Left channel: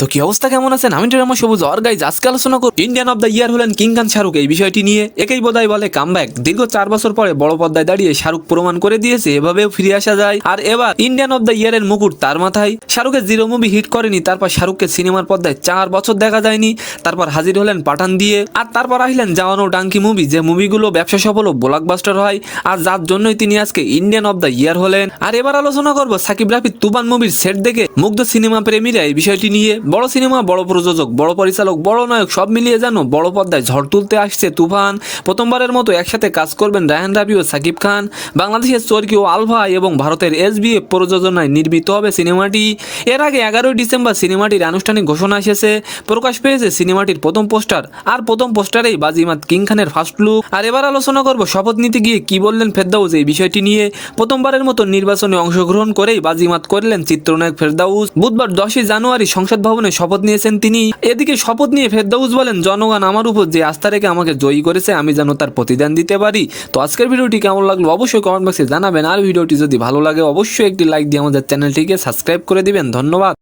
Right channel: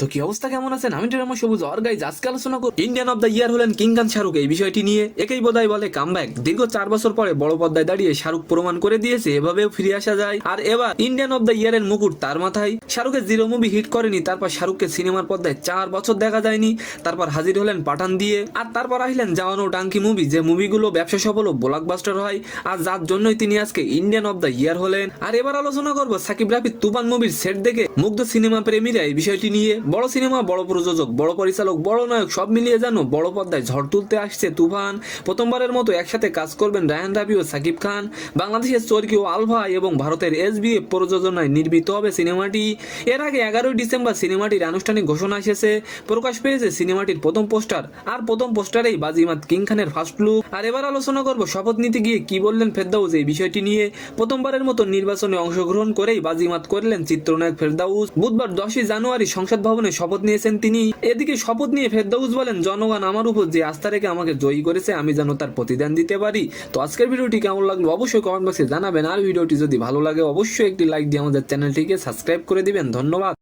তো কি অবস্থা, কেমন আছেন? আমি ড্রামা সবুজ আর গাইজ আজকে আলোচনা করব ইন্ডিয়ান অফ দ্য ইয়ার হলেন কিং খান শাহরুখ। এই বিষয়টি নিয়ে একেই বোধহয় বলে কামব্যাক। দীর্ঘ 4 বছর পরে বড় পর্দায় দাঁড়িয়ে শাহরুখ প্রমাণ করে দিয়েছে এভাবেও ফিরে আসা যায়। আর এবার ইন্ডিয়ান অফ দ্য ইয়ারের মুকুট তার মাথায়। শাহরুখের জিরো মুভি হিট করেনি, তারপর শাহরুখকে সিনেমার পর্দায় 4 বছর দেখা যায়নি, তারপর হাজির হলেন পাঠান দিয়ে, আর তারপর আসলেন জাওয়ান ও ডাঙ্কি মুভি, যে মুভিগুলো ব্যবসা সফল ও ব্লকবাস্টার হয়, আর যার জন্যই তিনি আজকে ইন্ডিয়ান অফ দ্য ইয়ার হলেন। আর এবার আলোচনা করব সাকিব রাফির তুফান মুভির সেট দেখে মুগ্ধ সিনেমা প্রেমীরা এই বিষয়টি নিয়ে। বড় সিনেমা, বড় প্রযোজক, বড় পরিচালক, বড় নায়ক সব মিলিয়ে যেন বড় পর্দায় ঝড় তুলতে আসছে তুফান। প্রথমবারের মতো একসাথে কাজ করবেন রায়হান রাফি ও সাকিব খান। বাংলাদেশের চরকি ও আলফা এবং ভারতের এসবিএফ প্রযোজনায় নির্মিত হবে সিনেমাটি। এর আগে 11ই ডিসেম্বর সিনেমাটির আনুষ্ঠানিক ঘোষণা এসেছে। প্রকাশ পেয়েছে সিনেমাটির প্রথম পোস্টার, আর প্রথম পোস্টারেই বাজিমাত কিং খানের ফার্স্ট লুক। আর এবার আলোচনা করব শপথ নিতে গিয়ে কি বললেন ফেরদাউস এই বিষয়টি নিয়ে। প্রথমবারের মতো নির্বাচনে অংশগ্রহণ করেই বাজিমাত করলেন চিত্রনায়ক ফেরদাউস। বুধবার 10ই জানুয়ারি সংসদ ভবনে শপথ নিয়েছেন তিনি। এদিকে শপথ নিয়ে ফেরদাউস বলেন, জনগণ আমার উপর যে আস্থা রেখে আমাকে জয়ী করেছে, আমি যেন তার প্রতিদান দিতে পারি। তো আজকের ভিডিওটি কেমন লাগলো অবশ্যই কমেন্ট বক্সে জানাবেন, আর ভিডিওটি যদি ভালো লাগে অবশ্যই একটি লাইক দিয়ে আমাদের চ্যানেলটিকে সাবস্ক্রাইব করে দিবেন। ধন্যবাদ।